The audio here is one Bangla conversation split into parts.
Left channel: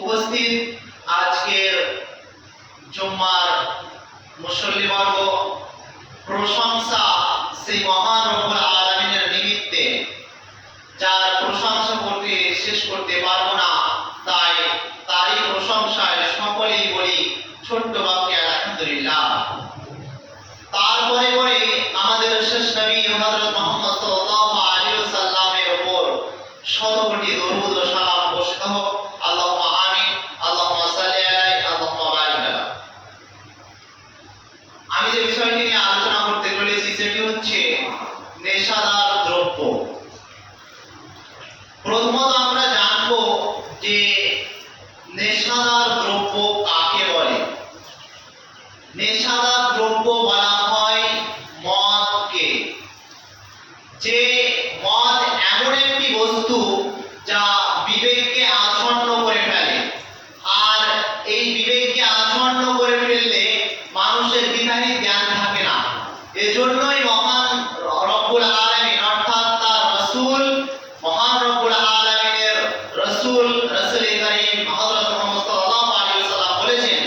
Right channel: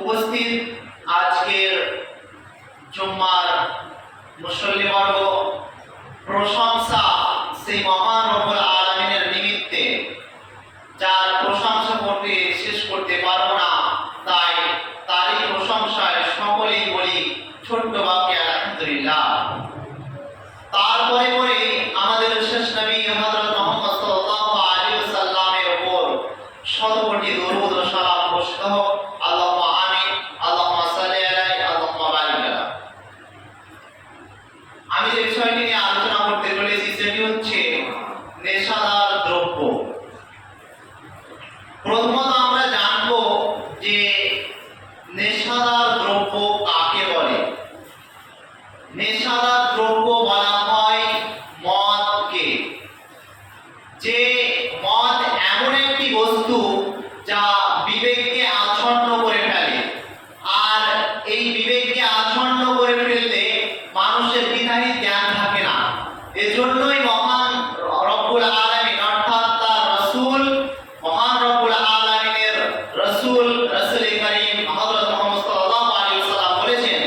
উপস্থিত আজকের জুম্মার মুসল্লিবর্গ, প্রশংসা সেই মহান রব্বুল আলামিনের নিমিত্তে, যার প্রশংসা করতে শেষ করতে পারবো না, তাই তারই প্রশংসায় সকলেই বলি ছোট্ট বাক্যে আলহামদুলিল্লাহ। তারপরে পরে আমাদের শেষ নবী হযরত মুহাম্মদ সাল্লাল্লাহু আলাইহি ওয়াসাল্লামের উপর শত কোটি দরুদ ও সালাম বর্ষিত হোক। আল্লাহুম্মা আমিন, আল্লাহুম্মা সাল্লি আলাইহি, আল্লাহুম্মা বারিক আলাইহি। আমি যে বিষয়টি নিয়ে আলোচনা করতে চলেছি সেটি হচ্ছে নেশাদার দ্রব্য। প্রথমত আমরা জানব যে নেশাদার দ্রব্য কাকে বলে। নেশাদার দ্রব্য বলা হয় মদকে। যে মদ এমন একটি বস্তু যা বিবেককে আচ্ছন্ন করে ফেলে, আর এই বিবেককে আচ্ছন্ন করে ফেললে মানুষের বিধানিক জ্ঞান থাকে না। এজন্যই মহান রব্বুল আলামিন অর্থাৎ তার রাসূল, মহান রব্বুল আলামিনের রাসূল কারীম হযরত মুহাম্মদ সাল্লাল্লাহু আলাইহি ওয়াসাল্লাম বলেছেন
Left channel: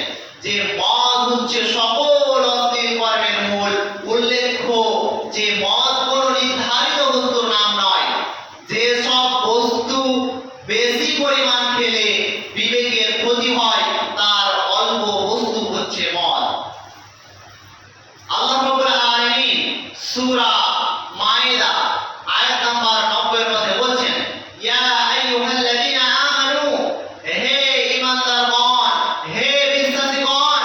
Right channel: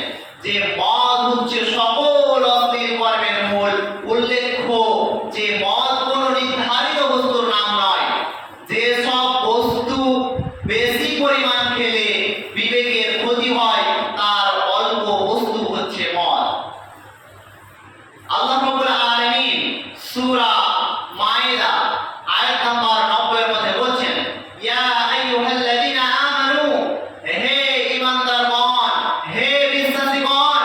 যে মদ হচ্ছে সকল অশ্লীল কর্মের মূল। উল্লেখ্য যে মদ কোনো নির্ধারিত বস্তুর নাম নয়। যে সব বস্তু বেশি পরিমাণ খেলে বিবেকের ক্ষতি হয়, তার অল্প বস্তু হচ্ছে মদ। আল্লাহ রাব্বুল আলামিন সূরা মায়েদা আয়াত নাম্বার 90 এর মধ্যে বলেন, ইয়া আইয়ুহাল্লাযীনা আমানু, হে ঈমানদারগণ, হে বিশ্বাসীগণ,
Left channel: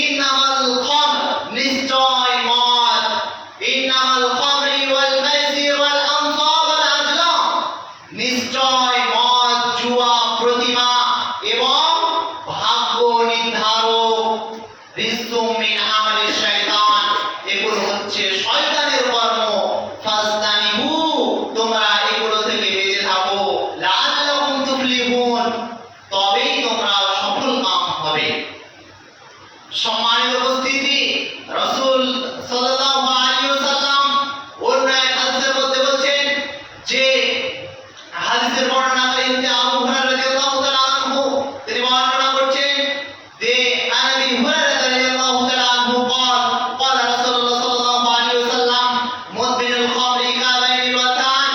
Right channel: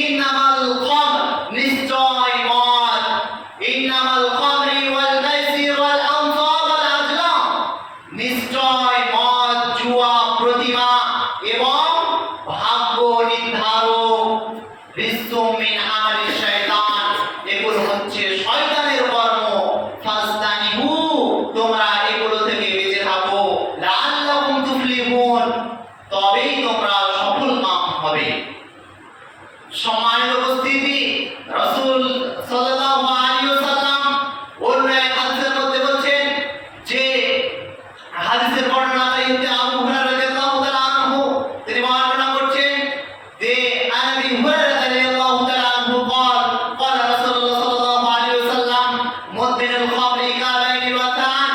ইন্নামাল খামর, নিশ্চয় মদ, ইন্নামাল খামরি ওয়াল মাইসির ওয়াল আনসাব ওয়াল আজলাম, নিশ্চয় মদ, জুয়া, প্রতিমা এবং ভাগ্য নির্ধারক, রিজসুম মিন আমালিশ শাইতান, এগুলো হচ্ছে শয়তানের কর্ম। ফাসতানিবু, তোমরা এগুলো থেকে বেঁচে থাকো। লাআল্লাকুম তুফলিহুন, তবেই তোমরা সফলকাম হবে। সম্মানিত উপস্থিতি, রাসূল সাল্লাল্লাহু আলাইহি ওয়াসাল্লাম অন্য এক হাদিসের মধ্যে বলেন যে হাদিসের বর্ণনাকারী হচ্ছে আবু হুরায়রা রাদিয়াল্লাহু তাআলা আনহু। তিনি বর্ণনা করছেন যে আবু হুরায়রা রাদিয়াল্লাহু তাআলা আনহু قال قال রাসূলুল্লাহ সাল্লাল্লাহু আলাইহি ওয়াসাল্লাম মুদমিনুল খামরি কাবাইনিল ওয়াতান,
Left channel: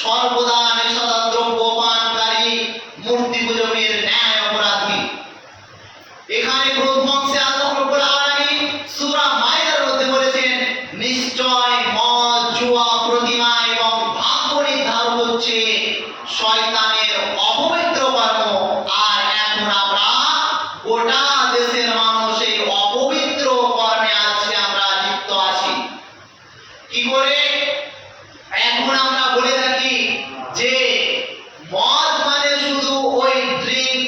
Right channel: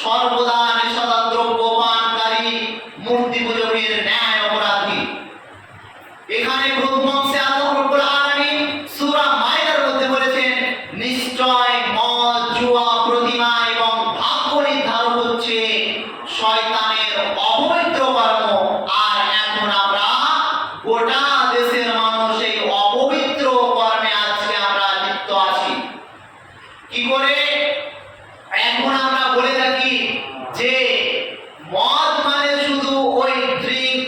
সর্বদা নেশাদার দ্রব্য পানকারী মূর্তি পূজকের ন্যায় অপরাধী। এখানে প্রথম অংশে আল্লাহ রাব্বুল আলামিন সূরা মায়েদার মধ্যে বলেছেন নিশ্চয় মদ, জুয়া, প্রতিমা এবং ভাগ্য নির্ধারক হচ্ছে শয়তানের অপবিত্র কর্ম। আর এখন আমরা গোটা দেশের মানুষ এই অপবিত্র কর্মে আজকে আমরা লিপ্ত আছি। কি করে? এখন আমরা বলে থাকি যে মদ মানে শুধু ওই ড্রিঙ্ক,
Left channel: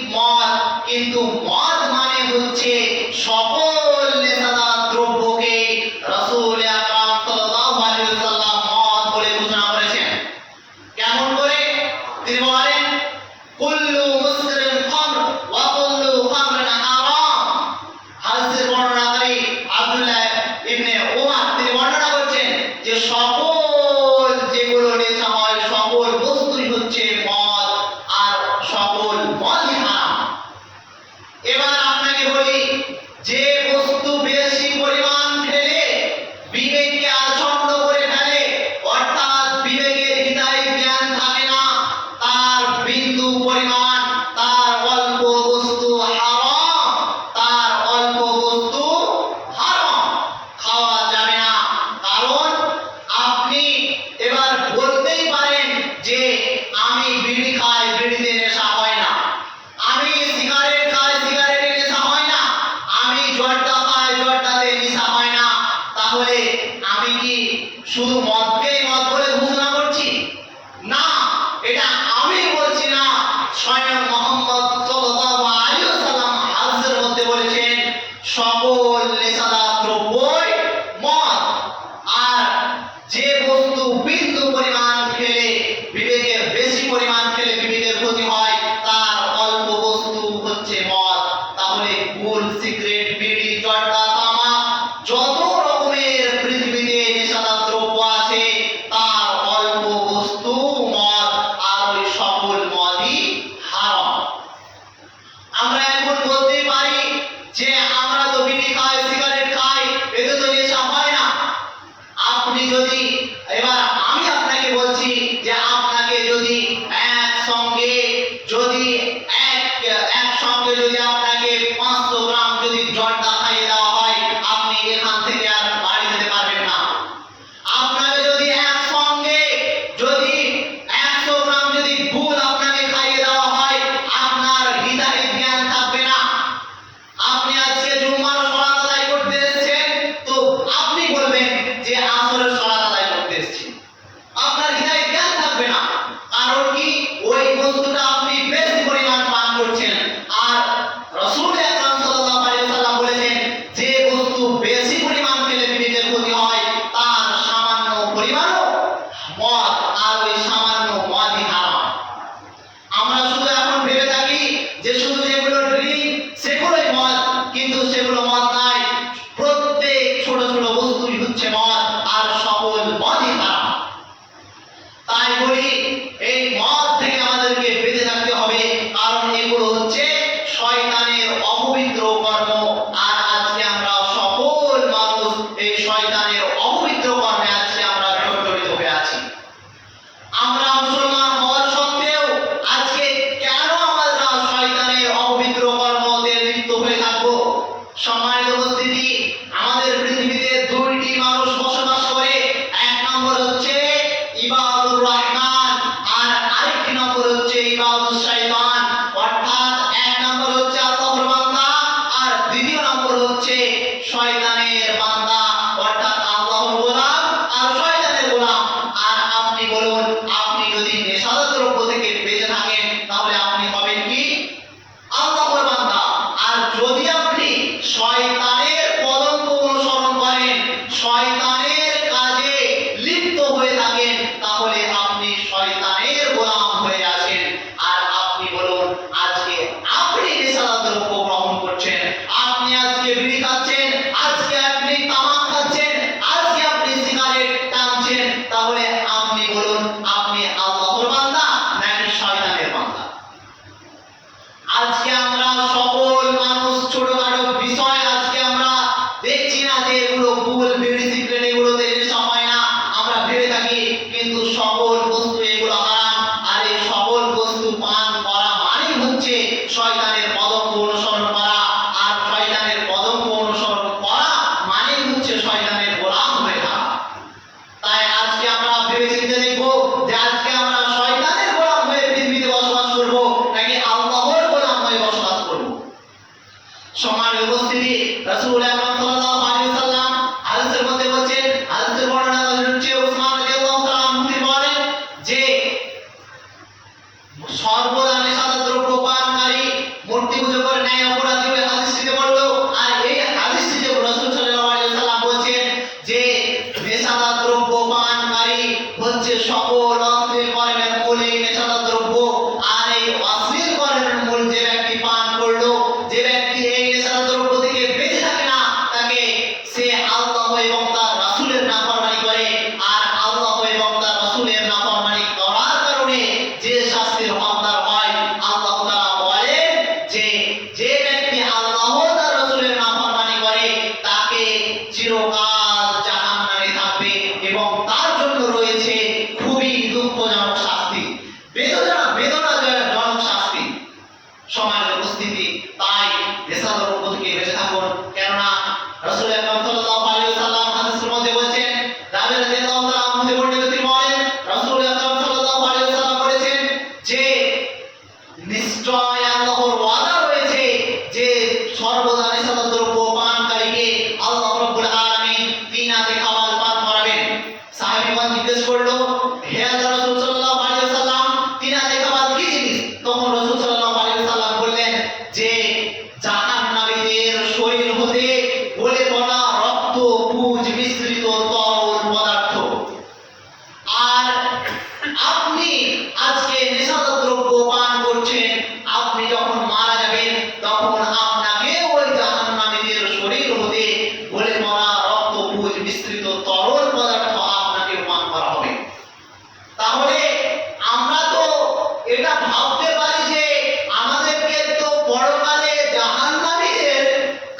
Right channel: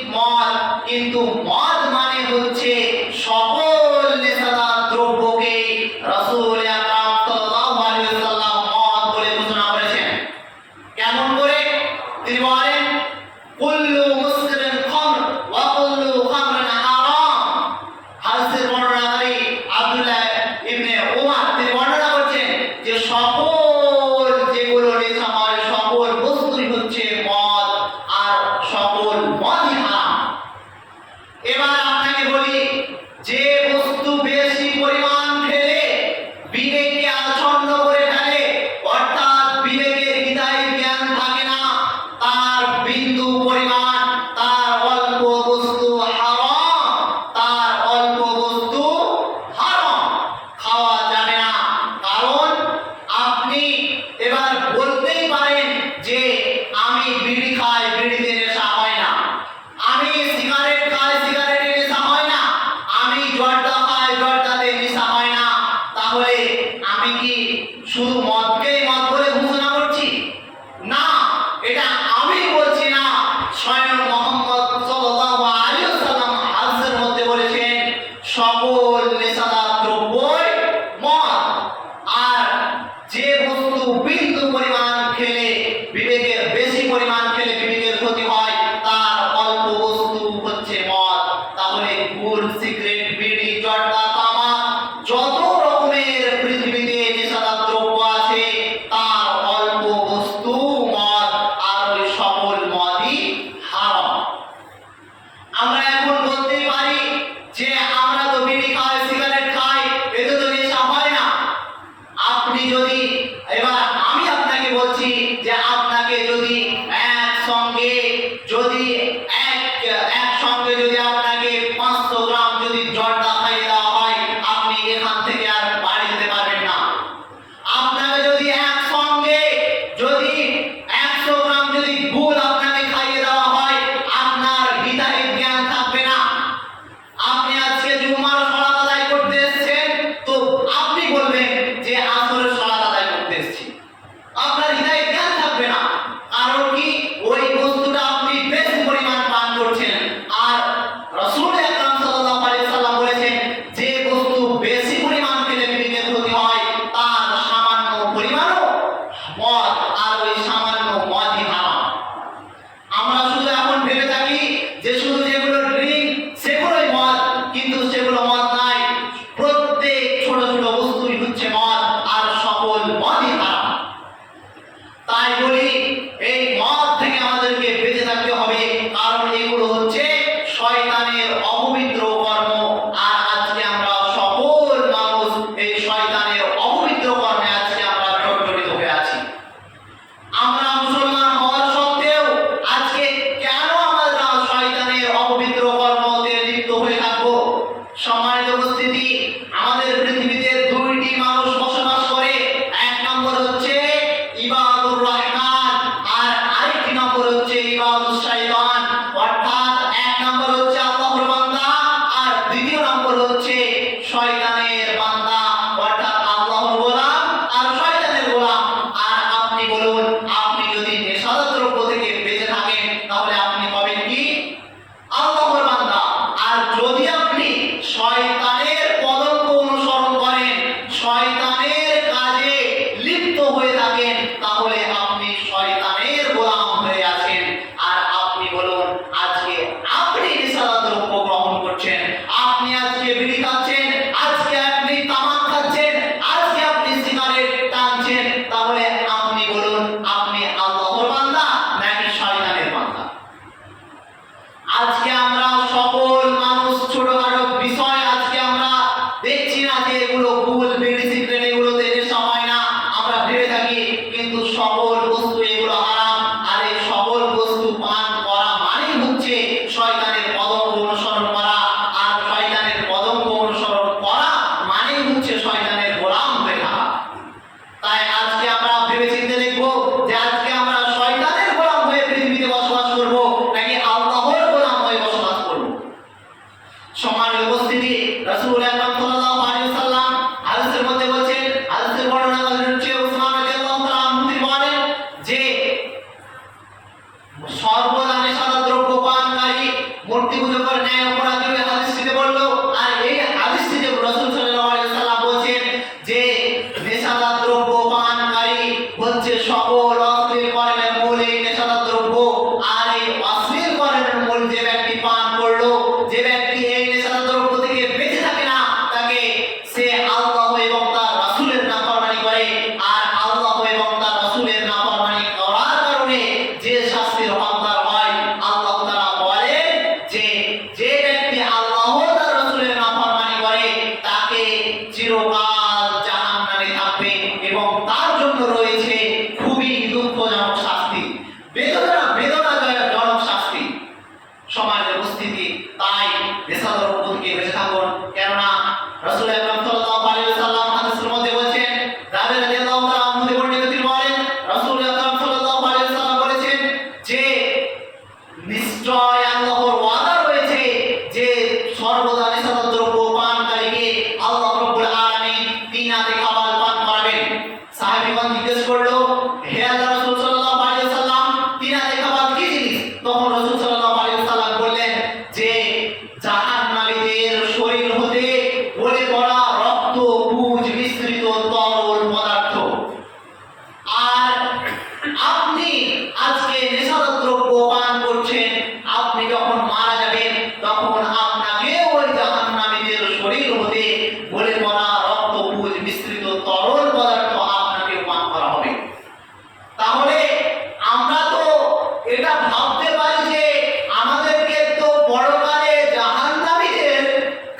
একসঙ্গে যদি আপনাকে 500 গ্রাম যদি জর্দা খাইয়ে দেওয়া হয়, আপনি এখান থেকে আর বাড়ি যেতে পারবেন না। আপনাকে যদি একসঙ্গে যদি 100 গ্রাম যদি গুড় আপনাকে খাইয়ে দেওয়া হয়, আপনার হৃদয়ে জ্ঞান থাকবে না। আপনি আজকে জুম্মার সালাত আদায় করতে এসেছেন, তো আপনি বলবেন যে আসরের সালাত আদায় করতে এসেছি, আপনার হৃদয়ে জ্ঞান থাকবে না। কারণ কি, ওই বস্তুটা আপনি বেশি পরিমাণ পান করছেন। আর রাসূল আকরাম সাল্লাল্লাহু আলাইহি ওয়াসাল্লাম বলেছেন, যে বস্তু বেশি পরিমাণ খেলে বিবেকের ক্ষতি হয়, তার সামান্য পরিমাণও মদ, আর ওই সামান্য মদই হারাম। আমরা শুধু এখন ভেবে থাকি যে শুধু যেগুলো ড্রিঙ্ক সেগুলোই মদ, কিন্তু সেগুলো মদ নয়। প্রত্যেক ছোট ছোট বস্তুই হচ্ছে মদ, আর সকল মদই হারাম। তাই বলি, এই মদ থেকে আমাদেরকে বেঁচে থাকতে হবে, কারণ এগুলো হচ্ছে শয়তানের অপবিত্র কর্ম। আর আজকে আমরা সকল মানুষ এই শয়তানের অপবিত্র কর্মে আজকে আমরা জড়িত হয়ে আছি। আমরা মুসলমান হওয়ার সত্ত্বেও আজকে কেন আমরা শয়তানের অপবিত্র কর্মতে লিপ্ত হয়ে থাকবো? সম্মানিত উপস্থিতি, আমাদের পৃথিবীতে দুইটি মানুষ বসবাস করে। এক নম্বর হচ্ছে ইবাদুর রহমান, আর আরেকটি নম্বর হচ্ছে ইবাদুস শয়তান। অর্থাৎ এক নম্বর হচ্ছে আল্লাহর বান্দা, আর দ্বিতীয় নম্বর হচ্ছে শয়তানের বান্দা, অর্থাৎ আল্লাহর গোলাম আর শয়তানের গোলাম। আর আপনি বলুন, আপনি যদি নেশাদার দ্রব্য থেকে বেঁচে থাকেন, তাহলে আপনি হবেন কি? আল্লাহর বান্দা। আর যদি আপনি শয়তানের পদঙ্ক অনুসরণ করেন, শয়তানের কাজে লিপ্ত হয়ে থাকেন, তাহলে আপনি শয়তানের গোলাম হয়ে আছেন। আর আপনি বলুন, আজকে আপনি নেশাদার দ্রব্য গ্রহণ করছেন, আপনি আজকে বিড়ি খাচ্ছেন, আজকে আপনি তামাক খাচ্ছেন, আজকে আপনি সিগারেট টানছেন, তাহলে আপনি বলুন, আপনি আল্লাহর বান্দা নাকি শয়তানের বান্দা? আজকে আমরা সকল মানুষ ছোটখাটো বিষয় আজকে আমরা দেখছি না যে এগুলো ভুল, বিড়ি সিগারেট এগুলোতে নেশা হয় না, আমরা ভেবে থাকি। কিন্তু সকল বস্তু এগুলো হারাম। আর এই সকল বস্তু পান করা মানেই হচ্ছে শয়তানের পদঙ্ক অনুসরণ করা, আর শয়তানের পদঙ্ক অনুসরণ করা মানেই হচ্ছে শয়তানের গোলাম হয়ে থাকা। তাই আজকে আমরা ভেবে চিন্তে দেখবো যে আজকে আমরা শয়তানের গোলাম হয়ে পৃথিবীতে বসবাস করব, নাকি আল্লাহর গোলাম হয়ে বসবাস করব। সম্মানিত উপস্থিতি, রাসূল আকরাম সাল্লাল্লাহু আলাইহি ওয়াসাল্লাম হাদিসের মধ্যে বলেছেন, হাদিসের বর্ণনা হচ্ছে উসমান রাদিয়াল্লাহু তাআলা আনহু বলেন যে সর্বদা নেশাদার দ্রব্য পানকারী মূর্তি পূজা করে ন্যায় অপরাধী হয়ে হাদিসটিতে বললো। আর এই হাদিসটিতে রাসূল সাল্লাল্লাহু আলাইহি ওয়াসাল্লাম বলেছেন যে নেশাদার দ্রব্য পানকারী হচ্ছে সকল অশ্লীল কর্মের মূল এই নেশাদার দ্রব্য। আর এই অশ্লীল কর্মের মূল যে ব্যক্তি পান করলো, যে ব্যক্তি এই নেশাদার দ্রব্য থেকে বেঁচে থাকে না, তাকে সে আল্লাহ এবং তার রাসূলের নাফরমানি করে। আর আল্লাহ এবং তার রাসূলের নাফরমানি করার কারণে যে শাস্তির হকদার হয়, আল্লাহ তাআলা বলেন যে যে ব্যক্তি আল্লাহ তার রাসূলের নাফরমানি করে, তাকে চিরকাল জাহান্নামে থাকবে, এবং তার জন্য রয়েছে খুবই দুঃখজনক শাস্তি, বেদনাজনক শাস্তি। সমাজের উপস্থিতি, তাই নেশাদার দ্রব্য থেকে বেঁচে থাকুন। কেননা রাসূল আকরাম সাল্লাল্লাহু আলাইহি ওয়াসাল্লাম হাদিসের মধ্যে বলেছেন, জাবের রাদিয়াল্লাহু তাআলা আনহু বর্ণিত তিনি বলেন, রাসূল আকরাম সাল্লাল্লাহু আলাইহি ওয়াসাল্লাম বলেছেন যে নিশ্চয় আল্লাহর ওয়াদা রয়েছে যে সর্বদা নেশাদার দ্রব্য পানকারীকে আল্লাহ রাব্বুল আলামিন তিনাতে খাবার পান করাবেন। সাহাবীগণ জিজ্ঞেস করলো, হে আল্লাহর রাসূল সাল্লাল্লাহু আলাইহি ওয়াসাল্লাম, তিনাতে খাবার কি জিনিস? তখন রাসূল সাল্লাল্লাহু আলাইহি ওয়াসাল্লাম বললেন যে জাহান্নামীদের শরীর হতে গলে পড়া রক্ত, পুঁজ মিশ্রিত তরল পদার্থ। আর আপনি আজকে নেশাদার দ্রব্য পান করছেন, আপনি যখন মারা যাবেন তখন আপনাকে ওই জাহান্নামীদের শরীর হতে গলে পড়া রক্ত, পুঁজ মিশ্রিত তরল পদার্থ আপনাকে পান করা হবে। তাহলে আমরা তো এটা ভাবতে পারি যে আমাদেরকে তো পরকালে জাহান্নামীদের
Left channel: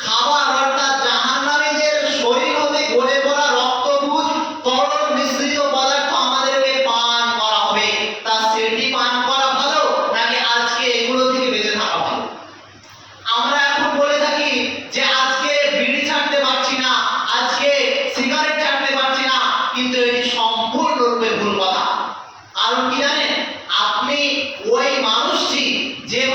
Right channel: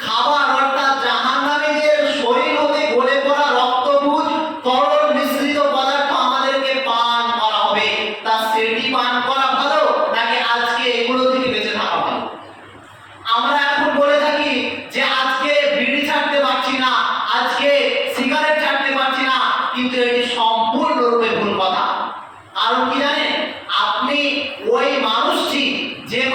খাবার, অর্থাৎ জাহান্নামীদের শরীর হতে গলে পড়া রক্ত, পুঁজ, তরল মিশ্রিত পদার্থ আমাদেরকে পান করা হবে। তা সেটি পান করা ভালো, নাকি আজকে এগুলো থেকে বেঁচে থাকা ভালো?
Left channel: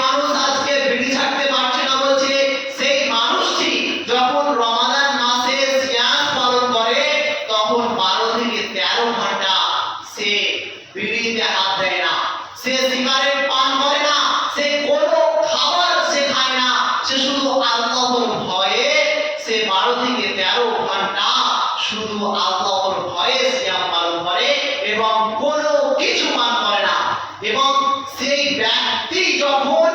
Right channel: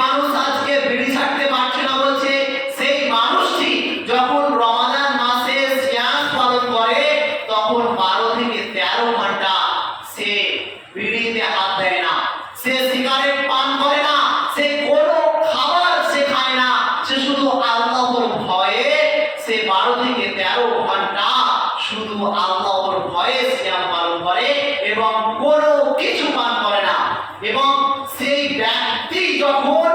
মানুষ আজকে বিড়ি ছাড়তে পারছে না বলছে, সেই মানুষটি যখন রমাদান মাসে সিয়াম পালন করে তখন 12 থেকে 13 ঘন্টা সে বিড়িতে হাত দেয় না, সে সিগারেট পান করে না, সে কোনো খাবার সে খায় না, সে শুধু আল্লাহর ভয়ে সে 12 থেকে 13 ঘন্টা শুধু আল্লাহর ভয়ে সিয়াম পালন করে এবং কোনো কিছু পান করে না। এবং সেই ব্যক্তি যখন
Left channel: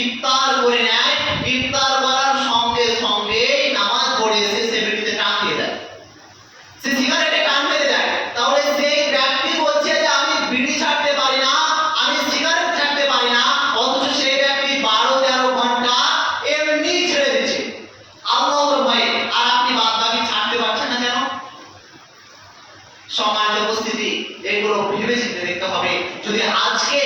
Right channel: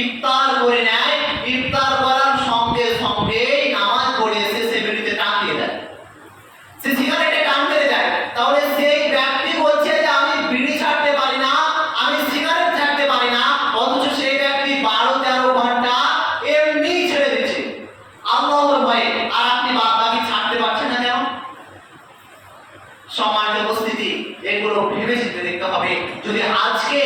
ইফতার করে নেয়, ইফতার করার সঙ্গে সঙ্গে নামাজ পড়ে এসে সে বিড়িতে টান দিয়ে দেয়, সে সিগারেটে টান মেরে দেয়। তাহলে সেই ব্যক্তি বলছে যে আমি বিড়ি ছাড়তে পারি না, আমি সিগারেট ছাড়তে পারি না, অথচ সেই ব্যক্তি 12-13 ঘন্টা এমনি ছেড়ে দিচ্ছে আল্লাহর ভয়ে। আর আপনি বাদবাকি ছাড়তে পারছেন না কেন? সম্মানিত উপস্থিতি, এগুলো ভেবে চিন্তে দেখতে হবে। যদি আজকে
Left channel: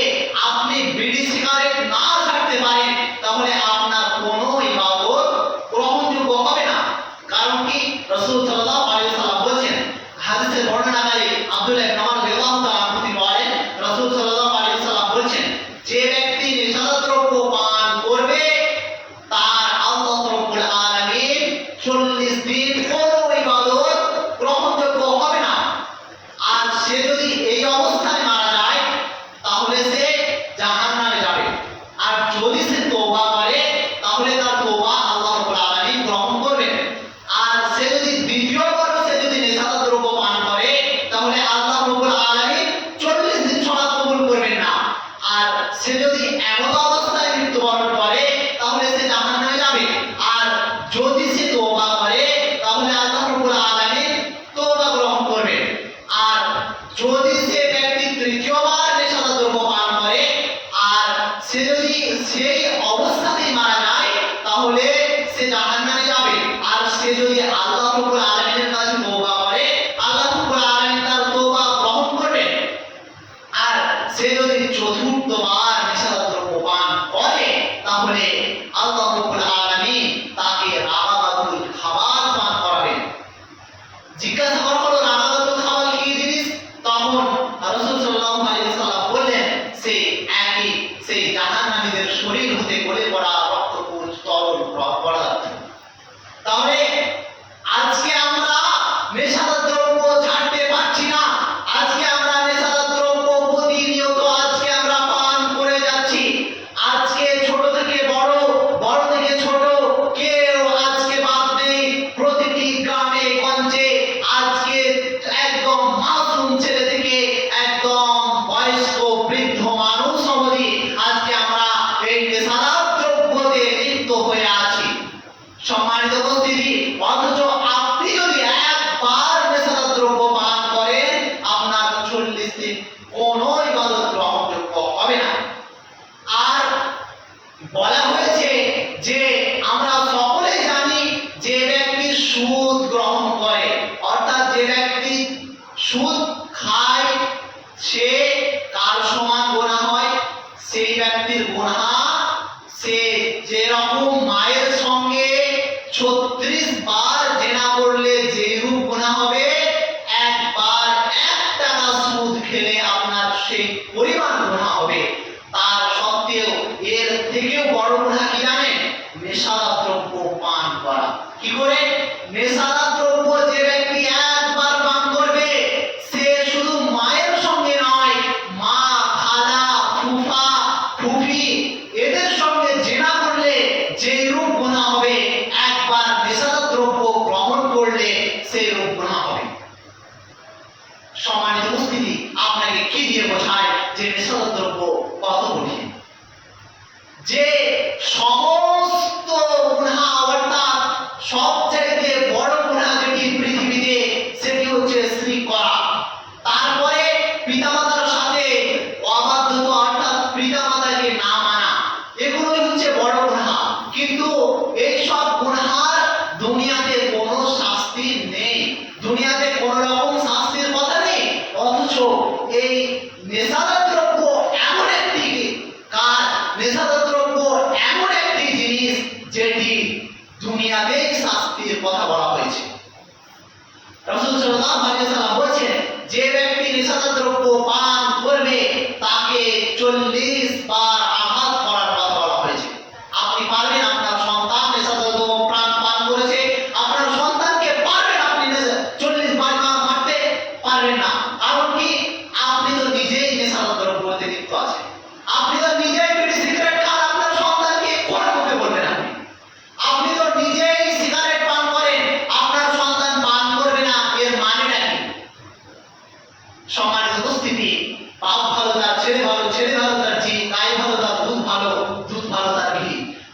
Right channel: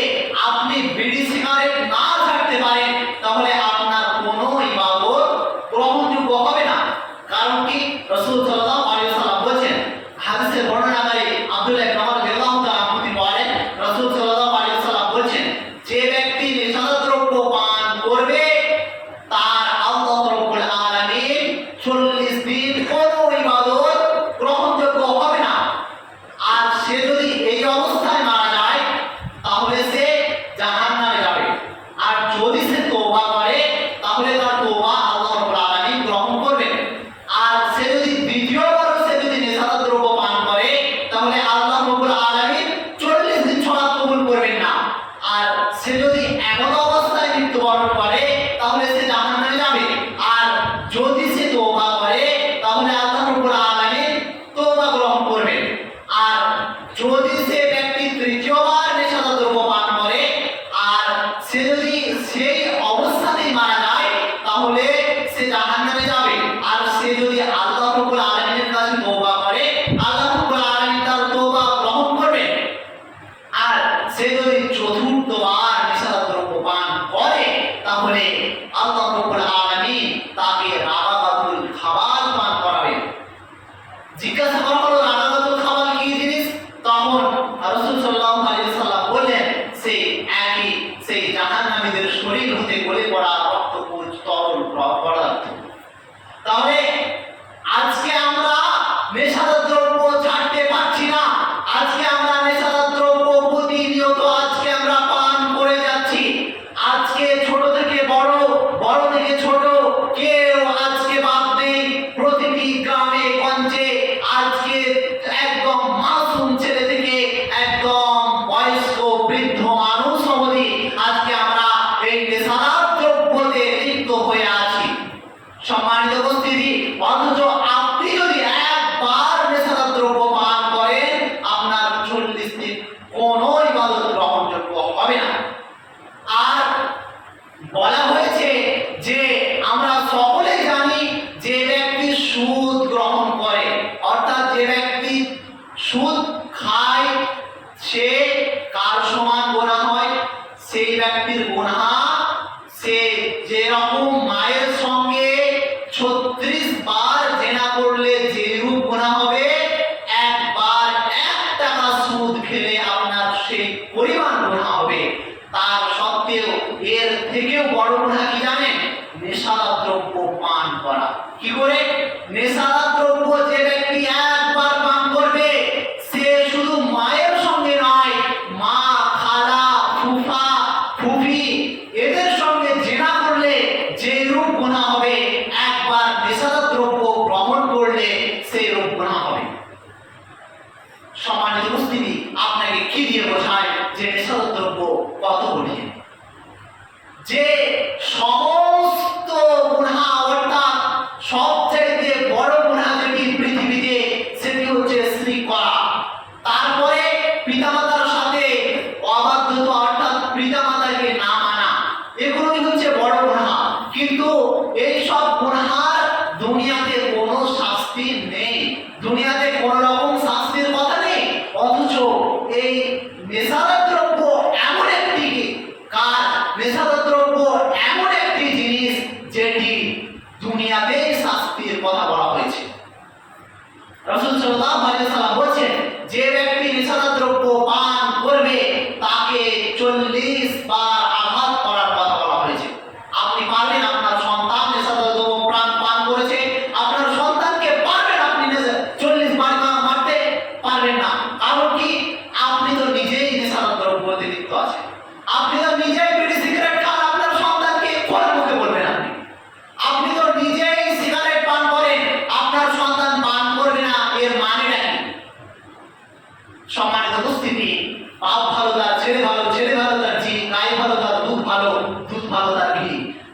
আপনি বিড়ি সিগারেট না ছাড়তে পারেন তাহলে আপনার কোনো ইবাদত গ্রহণযোগ্য হবে না। কারণ কি? রাসূল সাল্লাল্লাহু আলাইহি ওয়াসাল্লাম বলেছেন, হাদিসের বর্ণনাকারী আব্দুল্লাহ ইবনে ওমর রাদিয়াল্লাহু তাআলা তিনি বলেন, রাসূল সাল্লাল্লাহু আলাইহি ওয়াসাল্লাম বলেছেন, যে ব্যক্তি নেশাদ্রব্য পান করবে তার আল্লাহ রাব্বুল আলামিন 40 দিন কোনো ইবাদত গ্রহণযোগ্য হবে না। আর সে যদি এই অবস্থায় মারা যায় তাহলে সে জাহান্নামে যাবে। আর যদি সে তওবা করে তাহলে তার তওবা আল্লাহ রাব্বুল আলামিন গ্রহণ করবেন। আর সে যদি দ্বিতীয়বার সে যদি নেশাদ্রব্য পান করে তাহলে আল্লাহ রাব্বুল আলামিন 40 দিন সালাত কবুল করবেন না। আর সে যদি এমন অবস্থায় মৃত্যুবরণ করে তাহলে সে জাহান্নামে যাবে। আর যদি সে তওবা করে তাহলে আল্লাহ রাব্বুল আলামিন তওবা গ্রহণ করবেন। আর যদি সে ব্যক্তি তৃতীয়বার নেশাদ্রব্য পান করে আর সে যদি সেই অবস্থাতেই মারা যায় তাহলে সে জাহান্নামে যাবে। আর সে যদি আল্লাহ রাব্বুল আলামিনের কাছে তওবা করে আল্লাহ রাব্বুল আলামিন তার তওবা গ্রহণ করবেন। আর সে যদি চতুর্থবার নেশাদ্রব্য পান করে তাহলে আল্লাহ রাব্বুল আলামিন তাকে রাগাতুল খাবার পান করাবেন। জিজ্ঞাসা করা হলো রাগাতুল খাবার কি জিনিস? তখন রাসূল সাল্লাল্লাহু আলাইহি ওয়াসাল্লাম বললেন, সেই জাহান্নামীদের শরীর হতে গলে পড়া রক্তপুঞ্জ তরল পদার্থ। তাহলে আজকে আমরা নেশাদ্রব্য ছাড়তে পারছি না, আজকে আমরা নেশাদ্রব্য প্রতিনিয়ত আজকে আমরা পান করে যাচ্ছি। আজকে ছোট থেকে বড়, বড় থেকে ছোট, কেউ আজকে বাদ নেই। প্রতিটি গ্রামে গঞ্জে আজকে একদম মাসুম ছেলে থেকে একদম বয়স্ক বৃদ্ধ মানুষ অবধি আজকে আমরা এই নেশাদ্রব্যতে লিপ্ত হয়ে আছি। সম্মানিত উপস্থিতি, অথচ আপনি যদি একবার নেশাদ্রব্য পান করেন আপনার 40 দিন কোনো ইবাদত গ্রহণযোগ্য হবে না। আর বলা হয়েছে যে আমরা সকলেই জানি যে ব্যক্তি সুদ গ্রহণ করে, অর্থাৎ যে ব্যক্তি সুদ খায় সে কার সমান গুনাহ হয়? সেই ব্যক্তির গুনাহ সে যেরকম মায়ের সঙ্গে 36 বার জেনা করলে যেরূপ গুনাহ হবে, একবার 1 টাকা সুদ খেলে আপনার সেই পরিমাণ গুনাহ হবে। তার সত্ত্বেও এর থেকেও বড় গুনাহ কি জানেন? নেশাদ্রব্য পান করা। কি করে? নেশাদ্রব্য যে ব্যক্তি একবার পান করবে সে শুধু মায়ের সঙ্গে নয়, মা, খালা, ফুফা, ফুফি এদের সঙ্গে জেনা করলে যেই রূপ গুনাহ হবে, একবার নেশাদ্রব্য গ্রহণ করলে সেই রূপ গুনাহ হবে। সম্মানিত উপস্থিতি, আপনাকে কি দিয়ে বোঝায় যে নেশাদ্রব্য কত কঠিন? যে সমস্ত গুনাহ অর্থাৎ সবচেয়ে বড় গুনাহ যেটি পৃথিবীতে সেটি হচ্ছে শিরক করা। তারপরে পিতামাতার সাথে অবাধ্যতা অর্থাৎ পিতামাতাকে না মানা, এগুলোই হচ্ছে বড় গুনাহ। কিন্তু এই সব গুনাহের দুনিয়াতে কোনো শাস্তি নেই, দুনিয়াতে কোনো রকম শাস্তির কথা নেই। অথচ এই নেশাদ্রব্য এমন একটি কাজ, নেশাদ্রব্য এমন একটি জিনিস যেটি দুনিয়াতে শাস্তির কথা বলা হয়েছে। রাসূল সাল্লাল্লাহু আলাইহি ওয়াসাল্লাম বলেছেন, যে ব্যক্তি নেশাদ্রব্য পান করবে তাকে 40 বার আঘাত করার কথা বলা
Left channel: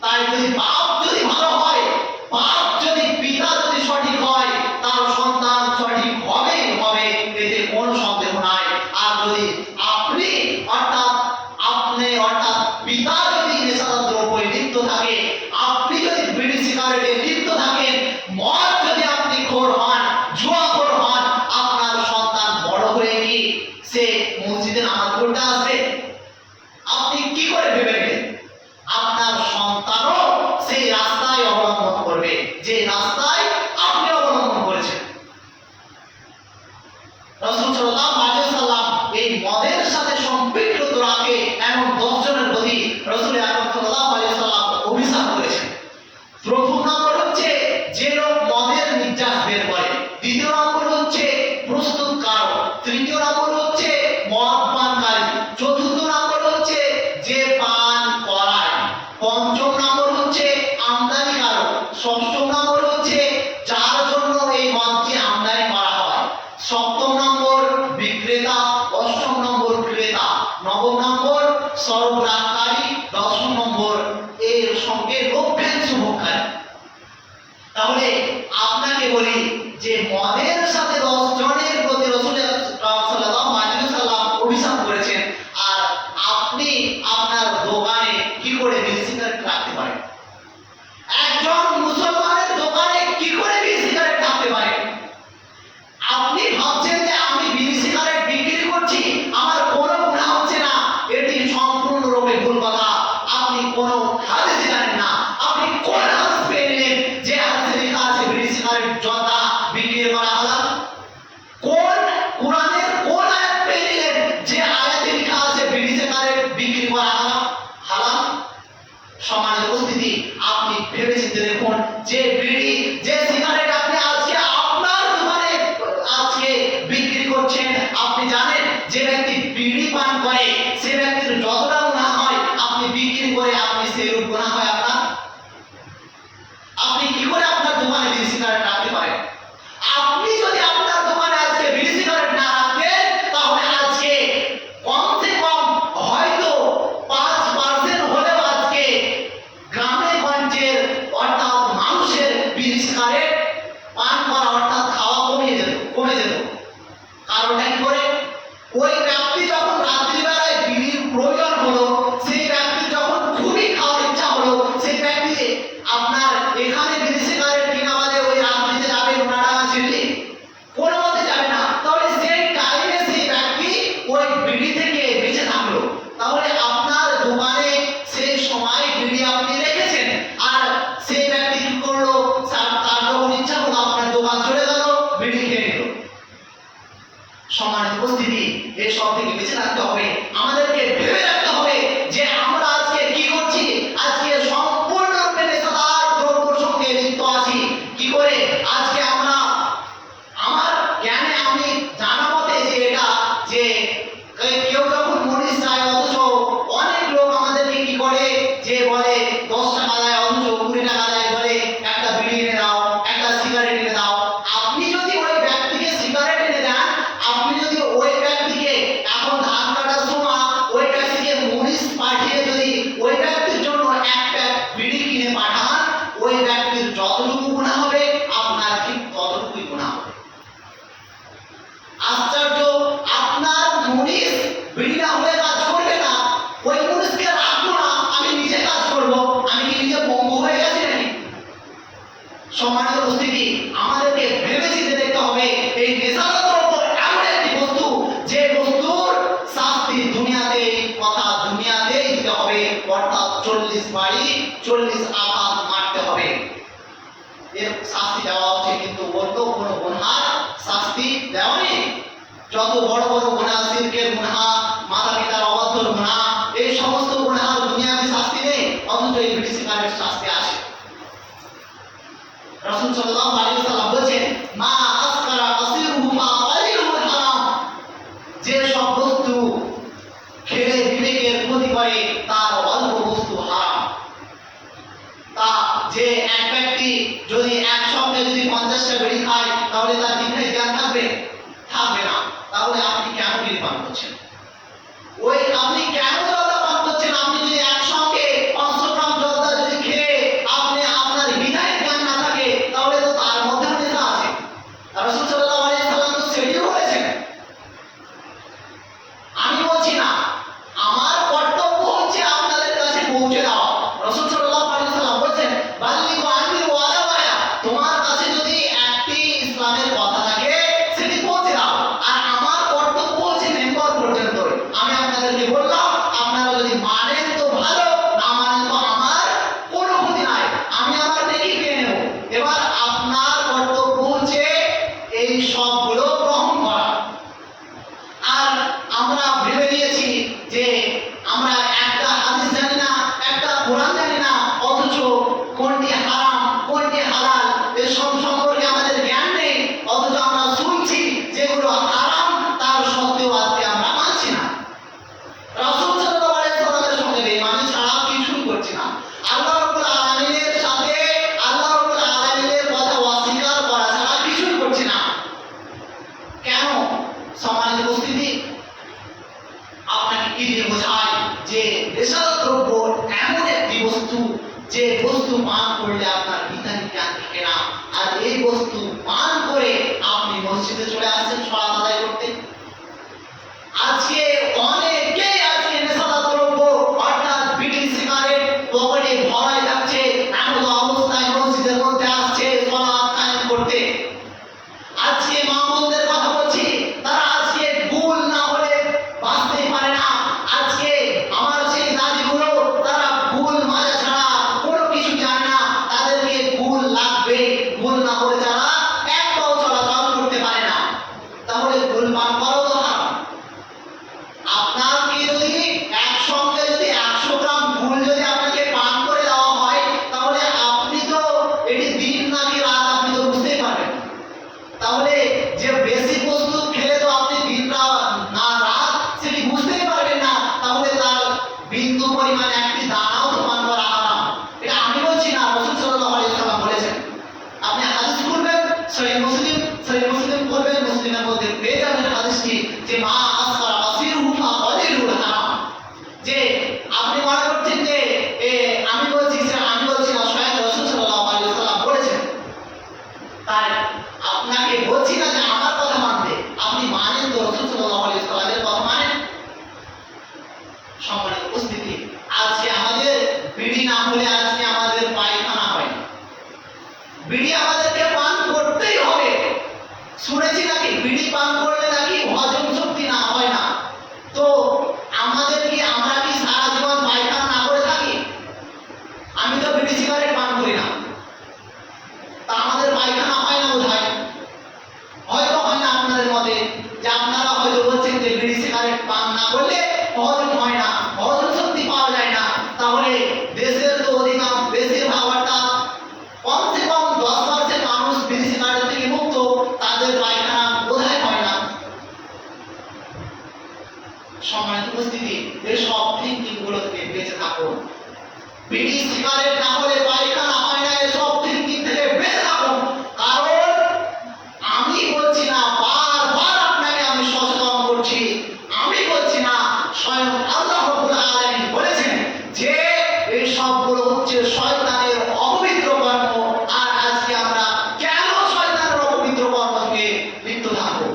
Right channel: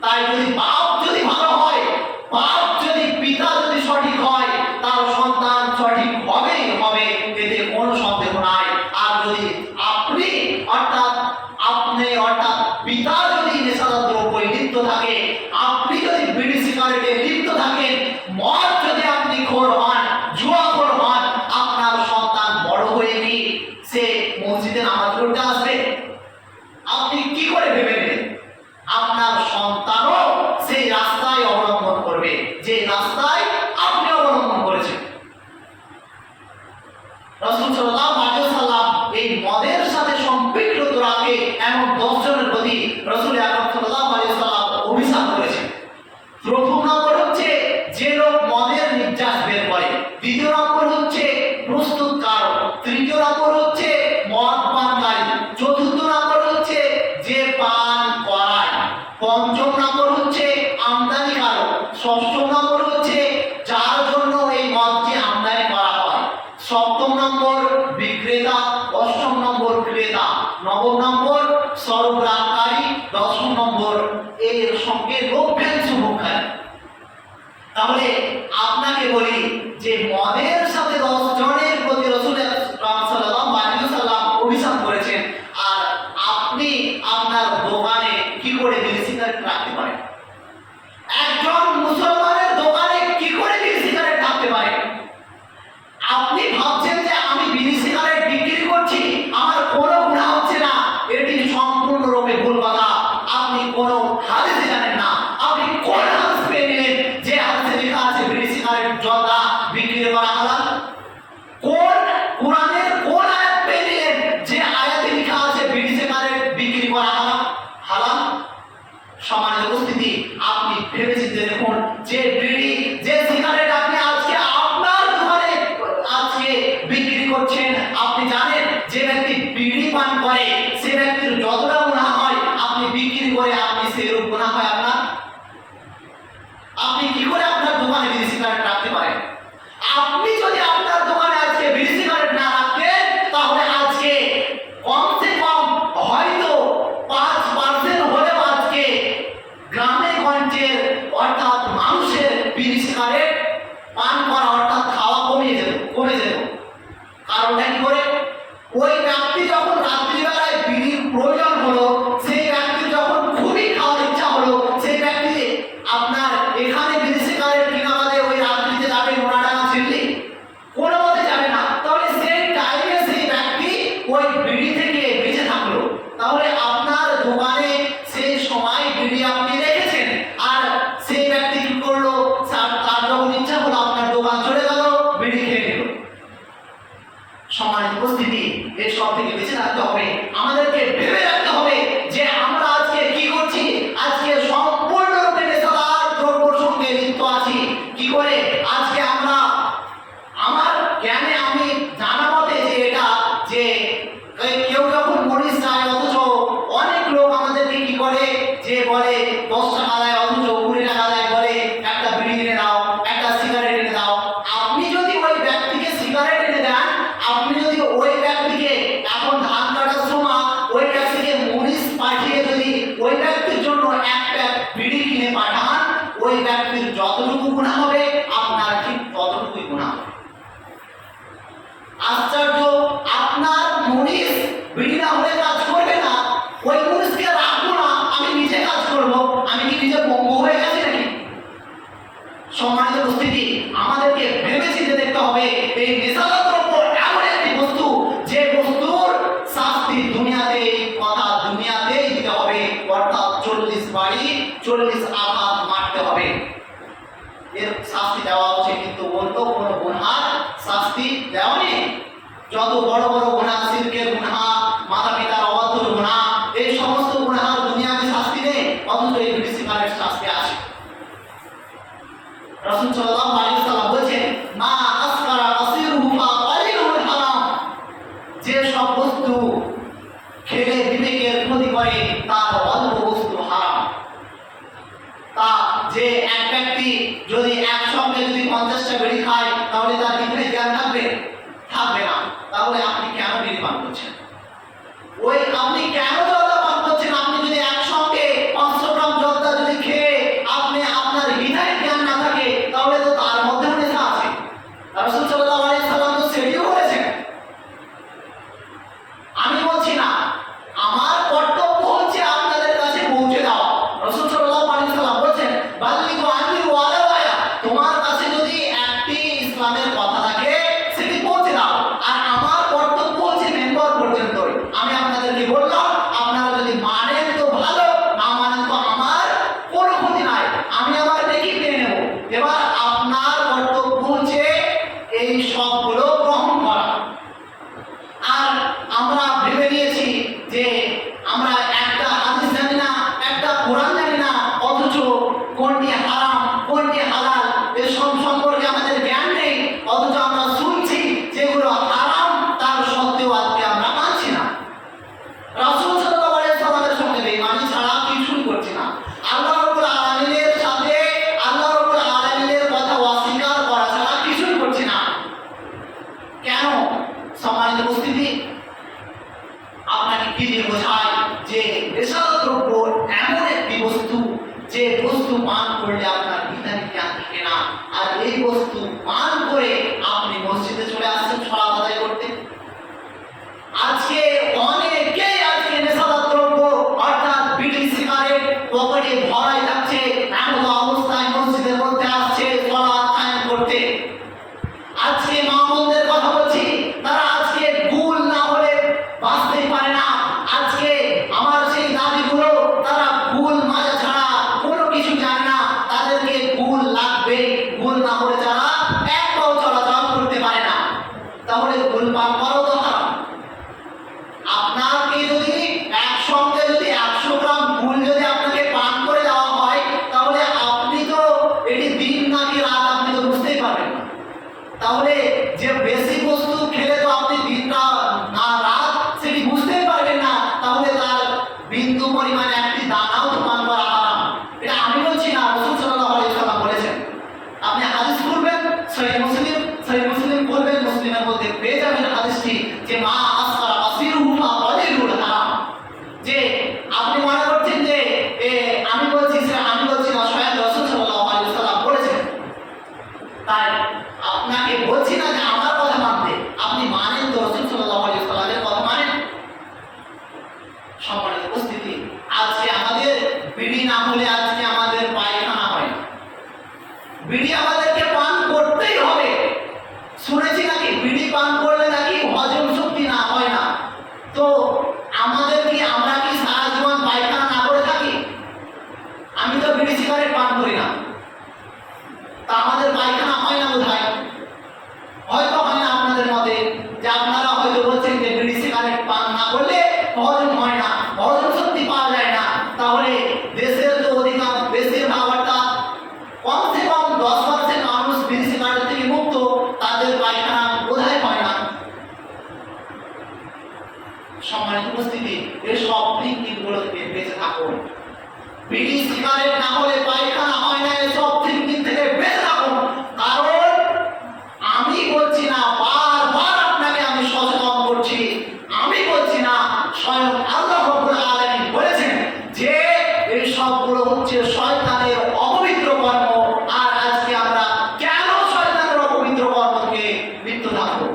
তাই যদি বাপ যদি ভালো হয়, বাপ যদি পিতা যদি সঠিক হয়, তার সন্তান সঠিক হবেই হবে, এতে কোনো সন্দেহ নাই। আর যদি আপনি অর্থাৎ পিতা যদি নেশাদার দ্রব্যে লিপ্ত থাকে, আপনি যদি বিড়ি সিগারেটে লিপ্ত থাকেন, মদ যদি আপনি খোর হন, জুয়াখোর হন, আপনার সন্তান বড় হয়ে কি সে মসজিদে নামাজ পড়তে আসবে? আপনি কি করে ভেবে নেবেন? আপনার সন্তানও সেই রাস্তায় অবলম্বন করবে যে রাস্তায় আপনি অবলম্বন করেছেন। রাসূল সাল্লাল্লাহু আলাইহি ওয়াসাল্লাম এই মদের সাথে সম্পৃক্ত রাখে এমন 10 জনের প্রতি রাসূল আকরাম সাল্লাল্লাহু আলাইহি ওয়াসাল্লাম অভিশাপ করেছেন। প্রথম নম্বর হচ্ছে যে লোক মদের নির্যাস বের করে, দ্বিতীয় নম্বর হচ্ছে প্রস্তুতকারক, তৃতীয় নম্বর হচ্ছে মদ পানকারী, চতুর্থ নম্বর হচ্ছে যে পান করায়, পঞ্চম নম্বর হচ্ছে আমদানিকারক, ষষ্ঠ নম্বর হচ্ছে যার জন্য এই মদকে আমদানি করা হয়, সপ্তম নম্বর বিক্রেতা, অষ্টম নম্বর ক্রেতা, নবম নম্বর সরবরাহকারী, দশম নম্বর এর সঙ্গে লভ্যাংশ ভোগকারী। তাহলে আপনাকে বলি যে মদের সাথে 10 জনের প্রতি রাসূল সাল্লাল্লাহু আলাইহি ওয়াসাল্লাম অভিশাপ করেছেন, আর আপনি আপনার দোকানে কি করে বিড়ি সিগারেট রাখতে পারেন? একজন মুসলমানের দোকানে কি করে বিড়ি সিগারেট রাখতে পারেন? আপনি ভাবছেন যে আমি বিড়ি সিগারেট বিক্রি করছি, আমার কোনো গুনাহ হচ্ছে না, এটি সম্পূর্ণরূপে ভুল কথা। আপনি কোনো হাদিস জানেন না, আপনি কোন হাদিস পেয়ে নিলেন যে হাদিসে লেখা আছে বিড়ি সিগারেট জর্দা বিক্রি করা হালাল? কোন কোরআনের কোন আয়াত পেয়ে নিলেন যে আয়াতে লেখা আছে বিড়ি সিগারেট বিক্রি করা হালাল? সম্মানিত উপস্থিতি, আপনি ভেবে চিন্তে দেখুন যে বিড়ি যে সিগারেট আপনি আজকে আপনার দোকানে আজকে বিক্রি করছেন, আপনি জানেন যে ব্যক্তি বিড়ি পান করে সে ব্যক্তির যতটা গুনাহ হয়, আপনি বিক্রি করে আপনি সেরূপ গুনাহ হয় আপনার? আপনি কি করে আপনার দোকানে বিড়ি সিগারেট রাখতে পারেন? আপনি যদি আপনার দোকানে আজকে বিড়ি সিগারেট না রাখেন, তাহলে আজকে কমসে কম হয়তো 5% হলেও আজকে গ্রামে গঞ্জের অর্থাৎ মানুষের বিড়ি সিগারেট পান করা অর্থাৎ খাওয়া কমে যেত। কারণটা কি করে? ওই ব্যক্তি যখন রাত্রিবেলায় বিড়ির প্রয়োজন হলো, সেই ব্যক্তি যখন খুবই খাওয়ার ইচ্ছা হলো, সেই ব্যক্তি আপনার এখানে বিড়ি সিগারেট কিনা বাদে ওই রাত্রিতে যাবে ওনারা ছিলি কোনো মতে যাবে না, তাহলে সেই টাইমে সেই ব্যক্তি ওই বিড়ি থেকে বেঁচে থাকলো। তাহলে আপনার দোকানে সেই সময় বিড়ি আপনি রেখেছেন, আর সেই ব্যক্তি কি করলো, তার যখন ইচ্ছা হলো আপনার দোকান চলে গেল, বিড়ি খেয়ে নিল। সম্মানিত উপস্থিতি, এর সব থেকে বেঁচে রাখতে হবে। আমাদেরকে ভেবে রাখতে হবে যে আমরা আজকে কি করছি, আজকে সম্পূর্ণরূপে নেশাদার দ্রব্যের সঙ্গে লিপ্ত আছি। কি করে আজকে আমরা, আমার জ্ঞানে আমি জানা মতে যে এটা যে কেউ যখন মরিচ চায়, অথচ অনেক লোক আমাদেরকে কি করে যে বলে 10 টাকা দেয়, অথচ 20 টাকা দেয়, বলে একটা বিড়ি এনে দাও, একটা সিগারেট এনে দাও। আপনি যদি ওই ব্যক্তিকে সিগারেট এনে দেন, আপনি যদি ওই ব্যক্তিকে এখন ধান কাটার সময় ওই ব্যক্তিকে মরিচ পাঠিয়ে যদি ওই ব্যক্তির জন্য এক প্যাক বিড়ি কিনে পাঠান, ওই ব্যক্তির যতটুকু গুনাহ হবে আপনার ঠিক ততটুকুই গুনাহ হবে। আশ্চর্য, আপনার মরিচ বিড়ি না হলে কাজ করবে না, ওই মরিচকে রাখবো না, আমি নিজে কাজ করবো, আমি কি নিজে পঙ্গু হয়ে গেছি নাকি? সম্মানিত উপস্থিতি, আমাদেরকে ভেবে চিন্তে দেখতে হবে এই নেশাদার দ্রব্য এমন একটি বস্তু যে বস্তুর শাস্তি দুনিয়াতেই দিতে হবে, অর্থাৎ 40 বাড়ি 40 আঘাত মারতে হবে। এর শাস্তি দেওয়া হচ্ছে, কিন্তু অন্য কোনো গুনার শাস্তি দেওয়া নেই। যত বড় বড় গুনাহ, শিরকের গুনাহ, মাতা পিতার অবাধ্যর গুনাহ, এই সমস্ত গুনাহের দুনিয়াতে শাস্তি নেই, অথচ এই বিড়ি সিগারেট শাস্তি আছে। রাসূল সাল্লাল্লাহু আলাইহি ওয়াসাল্লাম বলেছেন, মা আসকারা কাসীরুহু ফাকালিলুহু হারাম। যে সব বস্তু খেলে বিবেকের ক্ষতি করে তার অল্প বস্তু হারাম। তা যে এক ব্যক্তি যদি একসঙ্গে যদি 50টা বিড়ি খায়, তাহলে তার দিনে জ্ঞান থাকবে না। তাহলে আপনি কেন বিড়ি পান করছেন? ওই আপনি কেন জর্দা পান করছেন? আপনি যদি একসঙ্গে 500 গ্রাম জর্দা যদি খেয়ে অথচ কোনটি হারাম কোনটি হালাল এসব সম্পর্কে আমাদের জ্ঞান নেই, অথচ আমরা শুনছি যেগুলো হারাম তার সত্ত্বেও আজকে আমরা মানছি না। রাসূল সাল্লাল্লাহু আলাইহি ওয়াসাল্লামের সঙ্গে বেঈমানি ছাড়া কিছুই করছি না। আল্লাহ রাব্বুল আলামিনের সাথে আল্লাহ রাব্বুল আলামিনের কথা অস্বীকার করা ছাড়া কিছুই করছি না। কেন? সম্মানিত উপস্থিতি, আপনাকে কি দিয়ে বোঝায় যে নেশাদার দ্রব্য এমন একটি বস্তু যে বস্তু পান করলে আপনার বিধানিক জ্ঞান থাকে না, আর এই বস্তু পান করে আপনি মসজিদে চলে আসছেন সালাত আদায় করতে। আজকে অনেকেই আজকে নেশাদার দ্রব্য অর্থাৎ বিড়ি সিগারেট পকেটে ভরাই থাকছে, এমন অবস্থায় মসজিদের মধ্যে আসছে সালাত কায়েম করতে। আজকে মা বোনদের কথা বলছি, তারা আজকে ভুল না হলে বাঁচতেই পারে না। আজকে আমার সেই দাদিগুলো তারা ভুল মাজা ছাড়া কোনো কিছু জানে না, তাদেরকে ভুল লাগবে, ভুল না হলে তারা এক পাও চলাচল করতে পারে না। তাহলে ভুল পান করো তো না। আপনাকে যদি একসঙ্গে যদি 100 গ্রাম ভুল যদি আপনাকে পান করে দেওয়া হয়, তাহলে আপনি তো এটি দিন নাকি রাত আপনি তো বুঝতেই পারবেন না। তাহলে যে বেশি বস্তু খেলে তো আপনি দিন না রাত সেটি বুঝতেই পারবেন না, তাহলে তার বিন্দু পরিমাণে একটি দানাও তো পান করা হারাম। এটা আমি বলছি না, রাসূল সাল্লাল্লাহু আলাইহি ওয়াসাল্লাম বলেছেন। আপনি হাদিস খুলবেন, সহিহ মুসলিম খুলবেন, মুসলিমের মধ্যে পেয়ে যাবেন হাদিসটি যে মা আসফারা কাসীরুহু ফাকালিলুল হারাম। যে আপনি মনে করছেন যে আমি বলছি না, স্বয়ং রাসূল সাল্লাল্লাহু আলাইহি ওয়াসাল্লাম বলেছেন। তাই আপনাকে বলছি না যে আমার কথা মানতে, আপনি মানেন তো রাসূল সাল্লাল্লাহু আলাইহি ওয়াসাল্লামের কথা মানেন। সম্মানিত উপস্থিতি, আজকে আমাদের বিড়ি না হলে আজকে আমাদের পায়খানা হয় না। বিড়ি আমাদেরকে পান করতেই হবে। শুনেছি নাকি বিড়ি পান করলে নাকি হজম শক্তি না হয় না। তো আমরা কি সারা জীবন পায়খানা না করে থাকি? আমি তো বিড়ি সিগারেট পান করি না, তা আমাদের পায়খানা হয় না বোধহয়। হয়তো হয় না আপনাদের মতে, যে আপনারা হয়তো বলছেন যে বিড়ি সিগারেট পান না করলে হজম হয় না, হজম শক্তি পাওয়া যায় না। তাহলে দেশের তো অধিকাংশ বেশিরভাগ অর্থাৎ কমসে কম 10% মানুষ বিড়ি সিগারেট থেকে মুক্ত, তাদের পায়খানা বোধহয় হয় না। সম্মানিত উপস্থিতি, এসব থিঙ্কিং গুলো থেকে বেঁচে থাকুন। বিড়ি সিগারেট না হলে পায়খানা হয় না, এসব থিঙ্কিং থেকে বেঁচে থাকুন। কারণ আমি বলছি না, বারবার আপনাকে আমি সচেতন করছি, আমি বলছি না, স্বয়ং আল্লাহ রাব্বুল আলামিন বলেছেন যে এই সবগুলো হচ্ছে শয়তানের অপবিত্র কর্ম। আর আজকে আমরা কেন শয়তানের অপবিত্র কর্ম থেকে লিপ্ত থাকবো?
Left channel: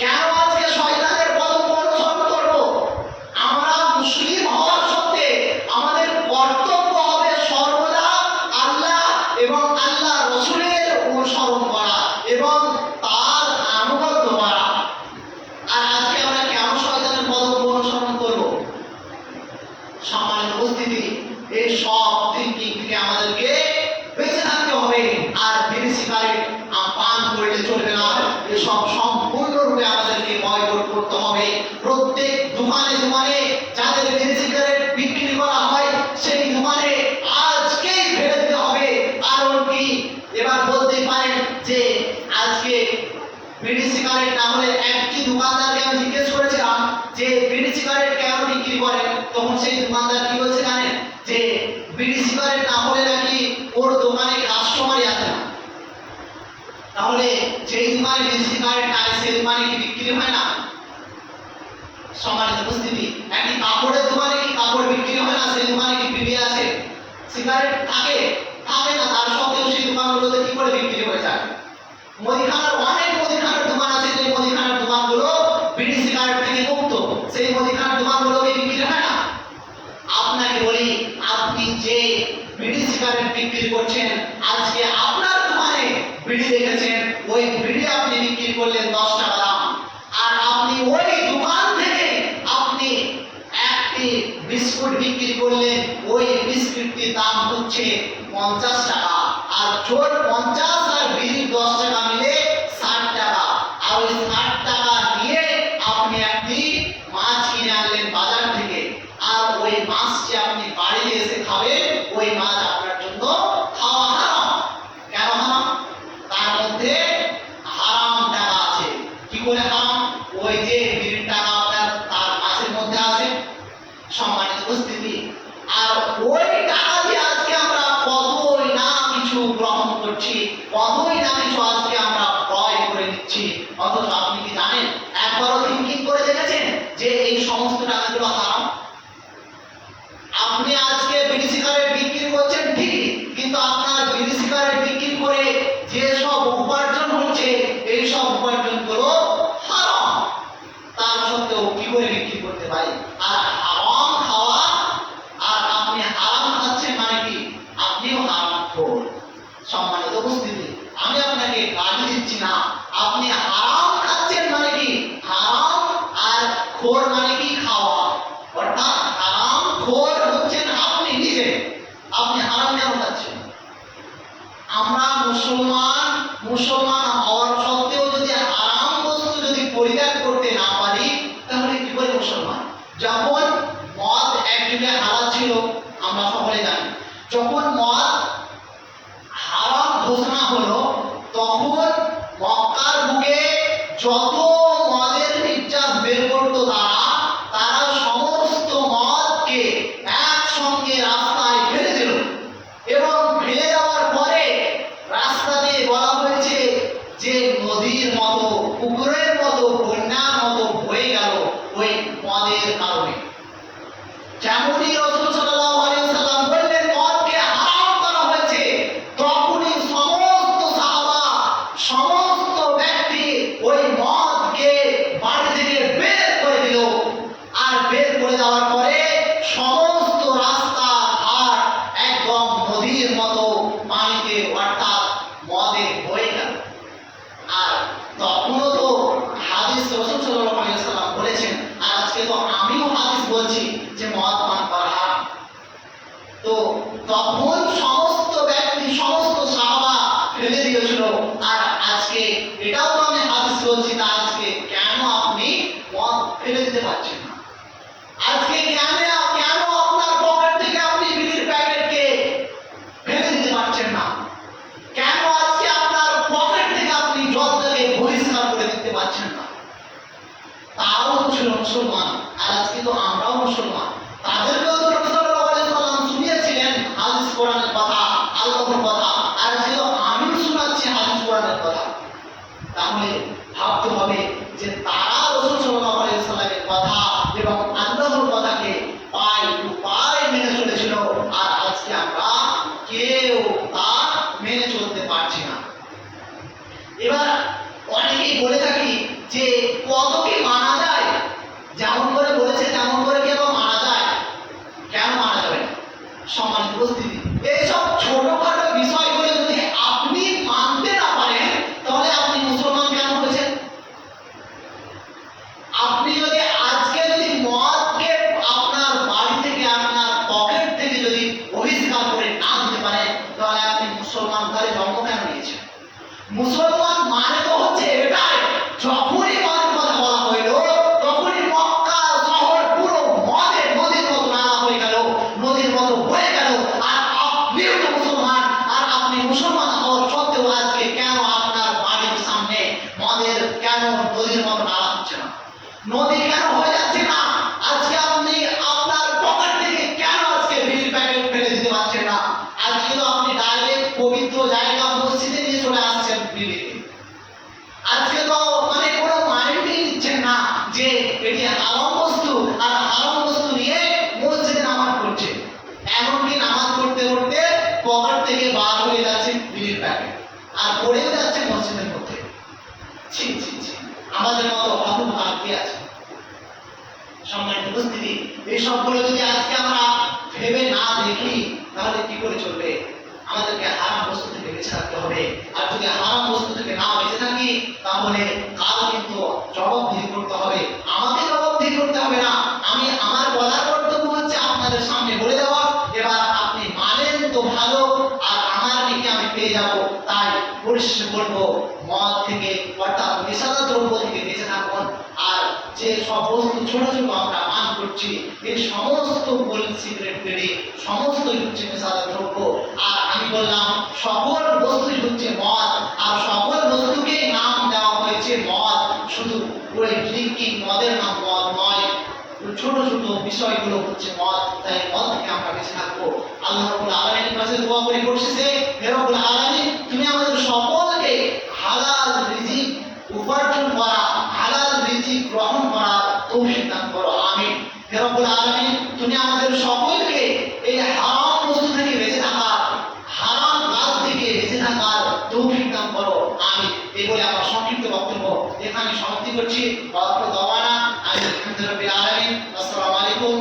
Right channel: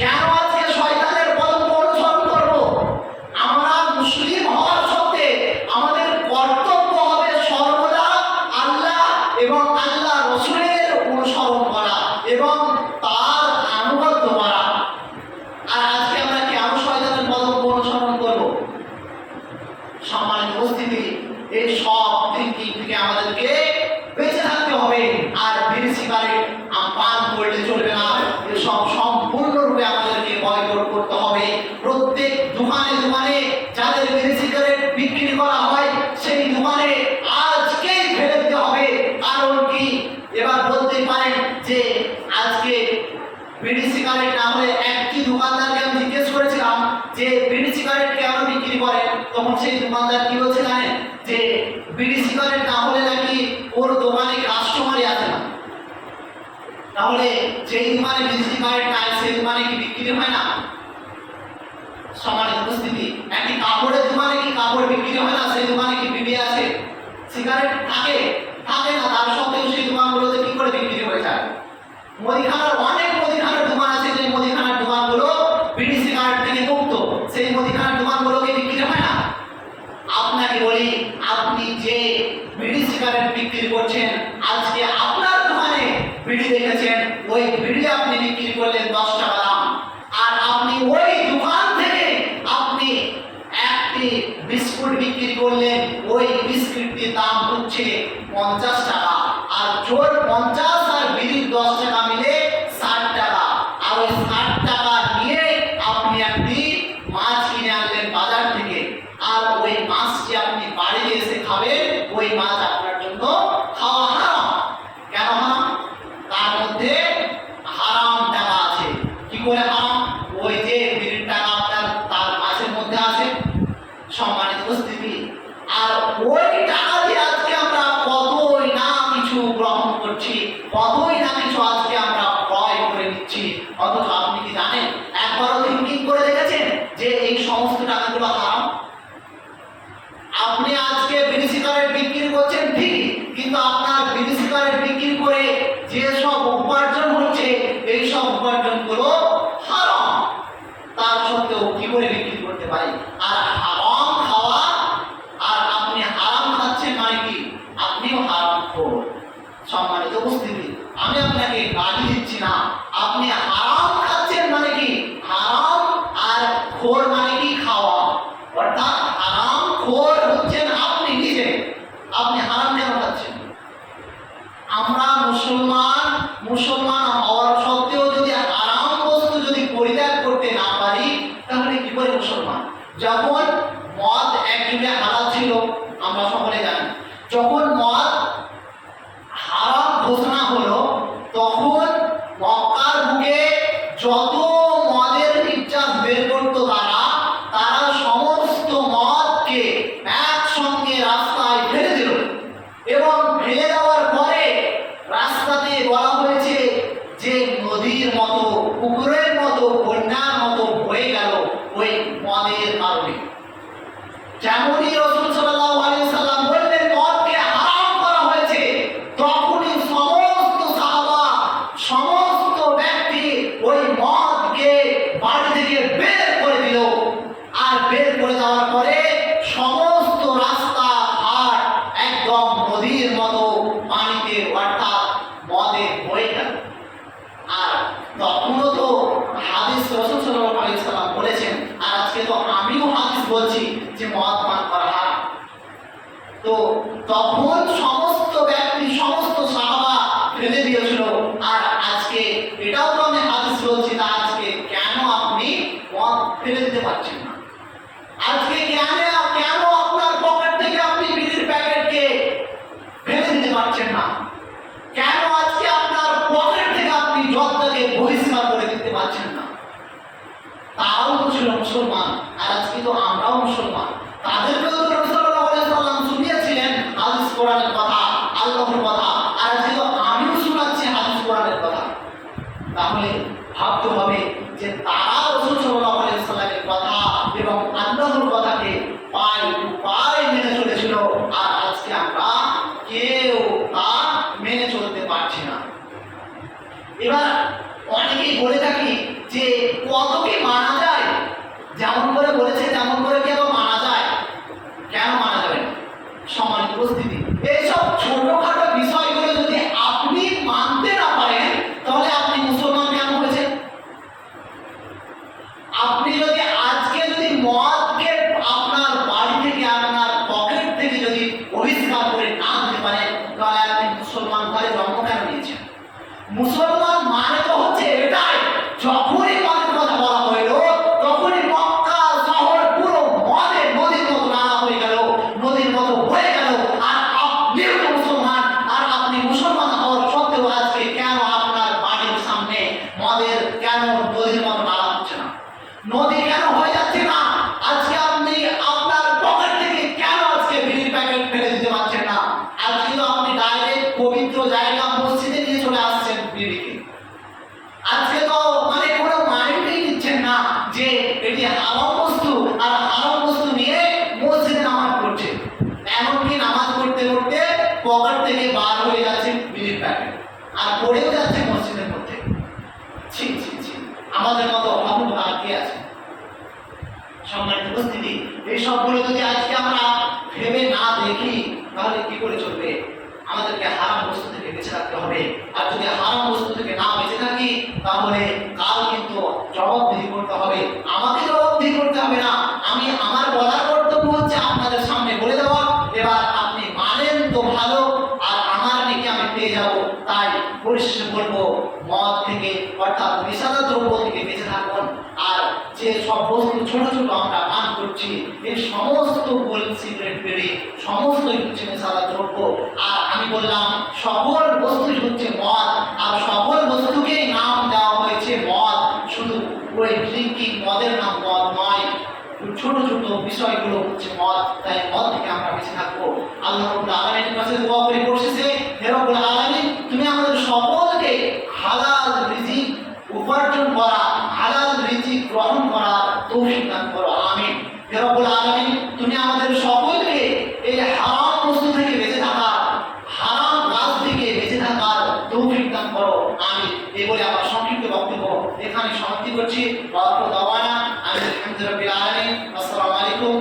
কেন আজকে শয়তানের পথ অনুসরণ করবো? আমরা মুসলিম হওয়ার সত্ত্বে আমাদের কর্তব্য হবে সর্বদা আল্লাহ এবং আল্লাহ রাসূলের অনুসরণ করা এবং তার আনুগত্য করা। আর আজকে আমরা কেন শয়তানের পথ অনুসরণ করব? সম্মানিত উপস্থিতি, এই সব থিঙ্কিং থেকে আমাদেরকে বেঁচে থাকতে হবে। আর বিড়ি সিগারেট পান করলে চলবে না, এসব সম্পূর্ণরূপে আমাদেরকে বয়কট করতে হবে। প্রত্যেক দোকানে যাদের বিড়ি সিগারেট বিক্রি করা হয়, সেই দোকানে আজকেই ফেলে দিতে হবে। কারণ কি? এবার বলতে পারেন যে আজকে বিড়ি সিগারেট না হলে একটি দোকানদারকে আমি জিজ্ঞেস করেছিলাম যে বিড়ি সিগারেট কেন বিক্রি করেন, তখন সেই দোকানদার কি বলছে জানেন? যে বিড়ি সিগারেট না হলে নাকি ওর দোকানে কাস্টমারই আসে না। তাহলে যেই দোকানে বিড়ি সিগারেট নাই সেই দোকানে কি বিক্রি হয় না? সম্মানিত উপস্থিতি, একটি কাপড়ের দোকানে কি কাপড় বিক্রি হয় না? সেই দোকানে কি বিড়ি আছে? সিগারেট থাকে না, তার সত্ত্বেও সেই দোকানগুলোতে কি করে বিক্রি হয়ে যায়? অনেক মুদিখানার দোকান আছে, যে মুদিখানার দোকানগুলো বিড়ি সিগারেট থেকে মুক্ত, সেই মুদিখানার দোকানগুলোকে বিক্রি হয় না। আপনাকে বলি, আপনি যে বিড়ি সিগারেট বিক্রি করছেন, আজকে আপনার দোকানে বিড়ি দেখেছেন, ওই বিড়ি আপনি বিক্রি করলেন 10 টাকা দাম, আর আপনি ওই দোকান থেকে আপনি একটি বিস্কুট বিক্রি করলেন, ওই বিস্কুটটির দাম হচ্ছে 50 টাকা। আর চোর 50 আর বিড়ির 10 টাকা মিলে 60 টাকা। আর ওই 60 টাকা নিয়ে আপনি একটি মাছ কিনে আনলেন বাজার থেকে, আর ওই মাছটি আপনি বাড়িতে এসে খাবেন, ওই মাছ আপনার জন্য সম্মানিত উপস্থিতি, আমি আপনাকে গালি দিচ্ছি না। আপনি হারাম খাচ্ছেন মানে কি? হারাম আর খোর মানে কি? খাওয়া। অর্থাৎ হারাম খোর হচ্ছেন আপনি নিজে। আপনি হারাম কেন খাচ্ছেন? আমরা মুসলমান হওয়ার সত্ত্বেও যদি হারাম বস্তু যদি পরিত্যাগ করতে না পারি, তাহলে কি করে মুসলমান? যখন মদ একযুগে হালাল ছিল, আমরা সকলে জানি, যখন মদ হারাম ঘোষণা হলো, তখন মক্কার বুকে যত মদের নির্যাস বের করতো তারা সমস্ত মদকে একসঙ্গে রাস্তায় ফেলে দিল, এবং ফেলে দেওয়ার পরে রাস্তাতে বলা হয়েছে যে নদীর মতো, পুকুরের মতো, বন্যার মতো বয়ে গেল ওই মদের কারণে। যেমনই রাসূল সাল্লাল্লাহু আলাইহি ওয়াসাল্লাম বললেন মদকে হারাম করা হয়েছে, তখনই সমস্ত সাহাবা, সমস্ত ব্যক্তি ওই মদকে বাড়ি থেকে বের করে দিল। আর বের করে দেওয়ার পরে সমস্ত রাস্তা ঘাট একদম নদীর মতো পানিতে, অর্থাৎ মদে বয়ে গেল। আর তখনও তো হাদিস রাসূল সাল্লাল্লাহু আলাইহি ওয়াসাল্লাম বলেছেন, আর আজকে তো আমিও হাদিস বলছি যে মদ পান করা হারাম। তো তখন সমস্ত ব্যক্তি, সমস্ত সাহাবা ফেলে দিয়েছিল, আর আজকে এটাও তো আমি হাদিস বলছি, তা আজকে কেন আপনি মদ ফেলে দিতে পারছেন না? আজকে কেন আপনার পকেট থেকে আপনি বিড়ির প্যাকেটকে ফেলে দিতে পারছেন না? কেন আজকে আপনার পকেট থেকে আপনি জলটাকে বহিষ্কার করে দিতে পারছেন না? তারাও তো ছিল মুসলমান, আর আজকে তো আমরাও মুসলমান। তাদেরকেও তো রাসূল সাল্লাল্লাহু আলাইহি ওয়াসাল্লাম শুনিয়েছিলেন হাদিস কোরআনের কথা, আল্লাহর কথা, আর আজকে তো আমিও শোনাচ্ছি হাদিস কোরআনের কথা। তাহলে ভাবতে হবে যে তারা রাসূল সাল্লাল্লাহু আলাইহি ওয়াসাল্লামের কথা এবং আল্লাহর কথাকে পায় টু পায় মেনে চলেছিল, আর আজকে আমরা কেউ তা মেনে চলতে পারছি না। এবার অনেকেই বলে থাকি যে কত কি মানা যায়, যেমন করে বলেছে তেমন করে কি আবার মানা যায়? কেন মানা যাবে না? সম্মানিত উপস্থিতি, এইসব ছোটখাটো বিষয়গুলো যদি আপনি মানতে না পারেন, তাহলে আপনি মুসলমান কেন হয়েছেন? আপনি যদি আজকে যদি মদকে আপনার বাড়ি থেকে, আপনার পকেট থেকে যদি বহিষ্কার করে না দিতে পারেন, তাহলে আপনি মুসলমান ঘরে জন্ম কেন নিয়েছেন? মুসলমান মানে তো হচ্ছে এটাই, যখনই মদের কথা বলা হইল, তখনই মক্কা শহর পুরো মদের নদীর মতো নালা হয়ে গেল, নদীর মতো বয়ে গেল। আর আপনিও তো মুসলমান, আর আপনি মুসলমান হওয়ার সত্ত্বেও আজকে কেন আপনার বাড়ির সামনে মদের কেন নদীর মতো নালা হচ্ছে না? নদী কেন হয়ে যাচ্ছে না? আজকে আপনি আপনার পকেট থেকে কেন আজকে বিড়ির প্যাকেট ফেলে দিতে পারছেন না? আজকে তো আপনি ডাইরেক্ট পবিত্র জায়গা মসজিদে নিয়ে চলে আসছেন বিড়িকে। আজকে তো মানে কোনো মাইন্ডই নিচ্ছেন না যে এটি হারাম বস্তু, আর হারাম বস্তু নিয়ে মসজিদে নামাজ পড়ছে। এমনকি নামাজ পড়তে পড়তে পকেট থেকে বার হয়ে যাচ্ছে বিড়ির প্যাকেট, আর পড়েও যাচ্ছে মসজিদের মধ্যে। ছি ছি ছি, আমাদের মতো হতভাগ্য কে আছে? সম্মানিত উপস্থিতি, এই সবগুলো যদি আজকে আমরা ভেবে না দেখি, তাহলে কি করে চলবে? আমাদেরকে হারাম বস্তু থেকে বেঁচে থাকতে হবে, আর যদি হারাম বস্তু থেকে না বেঁচে থাকি, তাহলে কাল কিন্তু জবাবদিহি করতে হবে। আমাকে জবাবদিহি করতে হবে না, আমি আমার বলার কর্তব্য হচ্ছে আপনাদের সামনে বলে দেওয়া। এবার আপনি মানেন তো ভালো, আর আমার নাকি আমি পেয়ে যাব। তাই পরিশেষে বলবো, মদ থেকে অর্থাৎ নেশাদার দ্রব্য থেকে বেঁচে থাকুন। আর যে সব বস্তু ছোট ছোট আমরা পান করছি, এই সমস্ত সিগারেট, বিড়ি সমস্তই হচ্ছে নেশাদার দ্রব্য। আর আমি বললাম সকল বস্তুই হচ্ছে মদ, আর সকল বস্তুকে নাম দেওয়া হয়েছে মদ। শুধু ওই ড্রিঙ্কিং মদের নাম মদ নয়, ছোট ছোট বিষয়গুলো হচ্ছে মদ। তাই মদ থেকে আমরা বেঁচে থাকবো। আল্লাহ রাব্বুল আলামিনের কাছে দোয়া করি পরিশেষে, হে রব্বুল আলামিন, তুমি আমাদের সকলকে হালাল রিজিক উপার্জন করা, হালাল রিজিক গ্রহণ করা তৌফিক দান করো, আমিন। হে রব্বুল আলামিন, তুমি আমাদের সকলকে এই হারাম বস্তু থেকে বেঁচে থাকার, হারাম কাজ থেকে বেঁচে থাকার তৌফিক দান করো, আমিন। এই বলে আমার সংক্ষিপ্ত বক্তব্য এখানে সমাপ্তি করছি। আলহামদুলিল্লাহ, আসসালামু আলাইকুম।